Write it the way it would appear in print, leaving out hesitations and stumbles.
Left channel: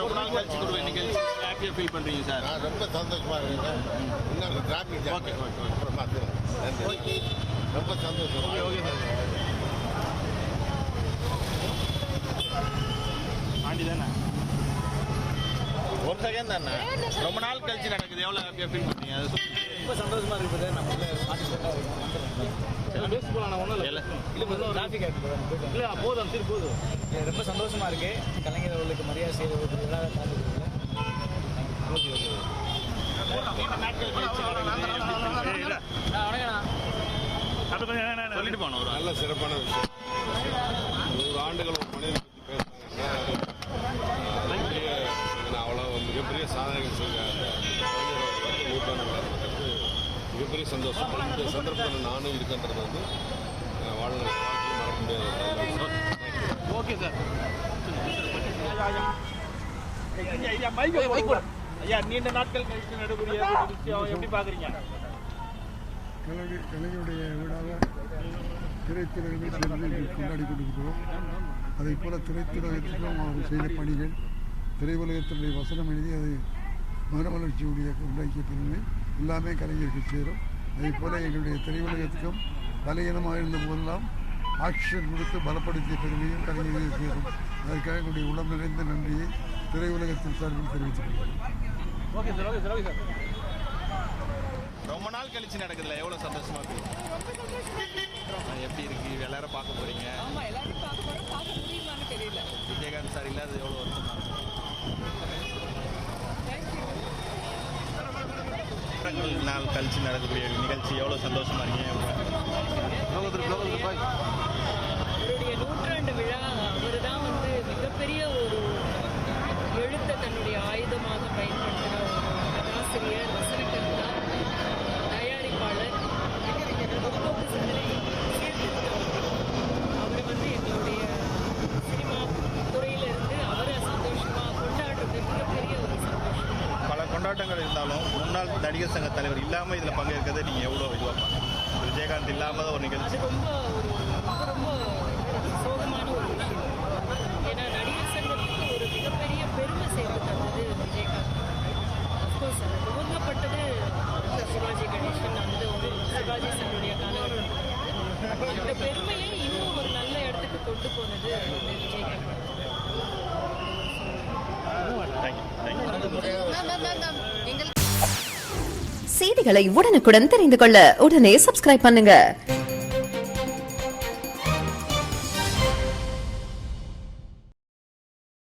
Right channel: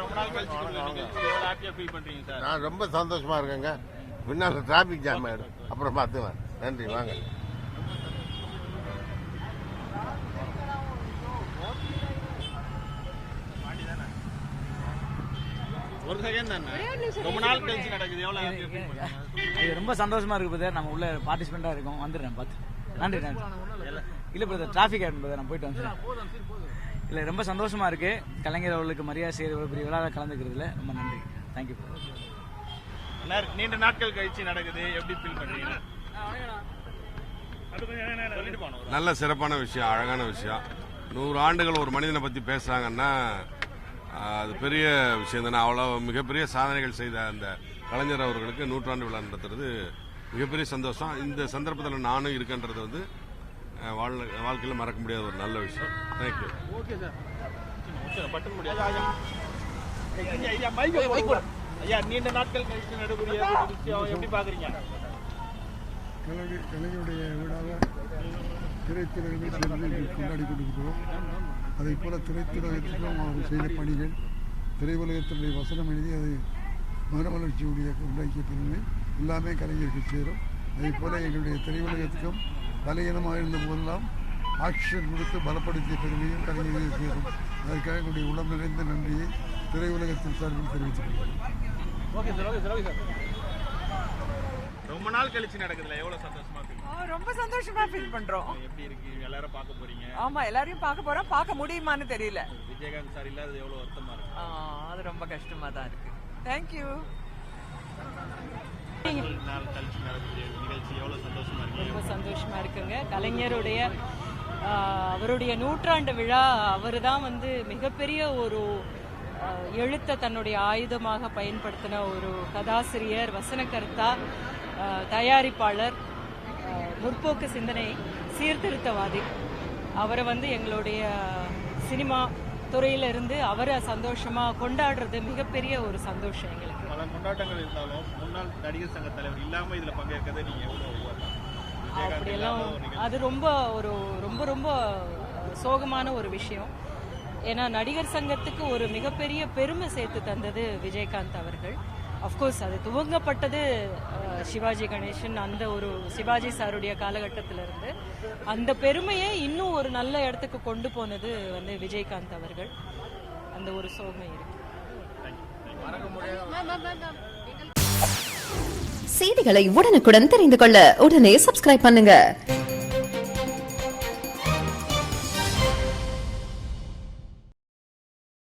ரொம்ப நாள் கழிச்சு கொடுவேன் நிகழ்ச்சி எவ்வளோ ஹாப்பியாக ஃபீல் பண்ணுறீங்க சார்? நான் ரொம்ப சந்தோஷமாக இருக்கேங்க. பின்னால் டிராஃபிக் ஜாம் அப்புறம் பார்த்துவேன். நன்றி வாங்க. ரொம்ப சந்தோஷம். பாண்டி தானே ஒரு செகண்ட் தானே ரொம்ப நாள் கழிச்சு நடக்குது எவ்வளோ ஹாப்பியாக ஃபீல் பண்ணுறீங்க? இது ரொம்ப சந்தோஷமாக இருக்குது. நம்ம உள்ள பார்ட்டிசிபெண்ட்டாக இருக்கோம். வந்துடுறேன் இல்லை டிராஃபிக் நம்ம போயிட்டு வந்து இல்லை ரொம்ப சந்தோஷமாக இருக்குது. கலைஞர் அவர்களுக்கு மரியாதை செய்து விழாவில் கலந்துக்கிறதுல தேங்க்யூ. நீண்ட நாட்கள் கழிச்சு நடக்குது எப்படி ஃபீல் பண்ணுறீங்க? சொல்லிட்டு போனோம். நல்ல சிறப்பான விஷயம், அழகான விஷயம். 100 ஆண்டுகள் ஒரு மனிதனை பற்றி பேசுகிறாங்கன்னா அது பெரிய விஷயம் தானே. அவ்வளோ மிகப்பெரிய சாதனைகள் செய்த அந்த கலைஞர் அவர்களுக்கு 100ஆண்டு விழா நடக்கிறது மிகப்பெரிய சந்தோஷம். இந்த சந்தர்ப்பத்தில் நானும் இருக்கின்றது வந்து வாழ்க்கையில் மறக்க முடியாத ஒரு நல்ல விஷயம். Okay sir. ஐயா நீண்ட நாட்கள் கழிச்சு நடக்கூடிய விஷயம் எப்படி பார்க்குறீங்க? கலைஞருடைய விழாவை திரைத்துறையிலே சேர்ந்து கொண்டாடி கொண்டிருக்கிறோம். அதே போல் திரைத்துறையத்திலும் அவர் செய்த பணிகள், திரையுலகத்தினுடைய வசனம் எழுதி அதை மறுமலர்ச்சியுடைய உண்டாக்கிய பெருமை எல்லாமே கலைஞருக்கு சேரும். அதே போல் எங்களுடைய திரையுலகத்துக்கும் பலகீனமாக இருந்த போதெல்லாம் ஆக்ஷன் கொடுத்து பலப்படுத்திய பெருமையும் கலைஞருக்கு சேரும். அதற்காக எங்களுடைய உளம் நிறைந்த நன்றியை திரையுலகத்தின் சார்பில் தெரிவித்துக் கொள்கிறேன். Okay sir. ரொம்ப நாள் கழிச்சு நடக்குதுல எவ்வளவு சந்தோஷமா இருக்கு? ரொம்ப சந்தோஷமா ஃபீல் பண்றோம். எப்படி இருக்கு? எல்லாரும் பார்க்க போறீங்க? ஆமா, எல்லாரையும் பார்க்க போறோம். பார்க்க முடியுமான்னு தெரியல. விஜயகாந்த் சார் இல்லாத எவ்வளவு வருஷம்? ரொம்ப கஷ்டமா தான். தேங்க்யூ. நாள் கழிச்சு நடக்கக்கூடிய நிகழ்ச்சி எவ்வளவு சந்தோஷமா இருக்கீங்க? கலைஞருடைய அவருடைய 100ஆண்டு விழா. அவர் தான் வந்து மிகப்பெரிய ஒரு எழுத்தை தன்னுடைய ஆயுதமாக பயன்படுத்தின ஒரு கதாசிரியர், வசனகர்த்தா, தயாரிப்பாளர், முற்போக்கு சிந்தனை சீர்திருத்தவாதி. அவரை வந்து எங்களுடைய சினிமா துறையிலிருந்து அவரை சந்தோஷமாக கொண்டாடுறது மிகப்பெரிய ஒரு சந்தோஷம். பல கொண்டாட்டங்கள் இருந்தாலும் முன்னாள் நடிகர் சங்க தலைவர் இல்லாமல் இதில் பங்கேற்கிறத நீங்கள் எவ்வளோ விஜயகாந்த் இல்லாமல் ஒரு நிகழ்ச்சி? அது ரொம்ப ரொம்ப சோகமான ஒரு விஷயம். ஏன்னா நடிகர் சங்கத்துக்கு ஒரு மிகப்பெரிய பெருமை சேர்த்து தந்தது விஜயகாந்த் அவர்கள். அஃப்கோர்ஸ் அது துவங்கப்பட்டது சிவாஜி கணேசன், அந்த ஒரு சிவாஜி சாருடைய காலகட்டத்தில் இருந்து அந்த பெருமையை இன்னும் ஒரு நல்ல இடத்துக்கு கொண்டு போனது வந்து விஜயகாந்த் அவர்கள். அந்த ஒரு செய்திகளை உடனுக்குடன் தெரிந்து கொள்ள உடனே சப்ஸ்கிரைப் பண்ணுங்க.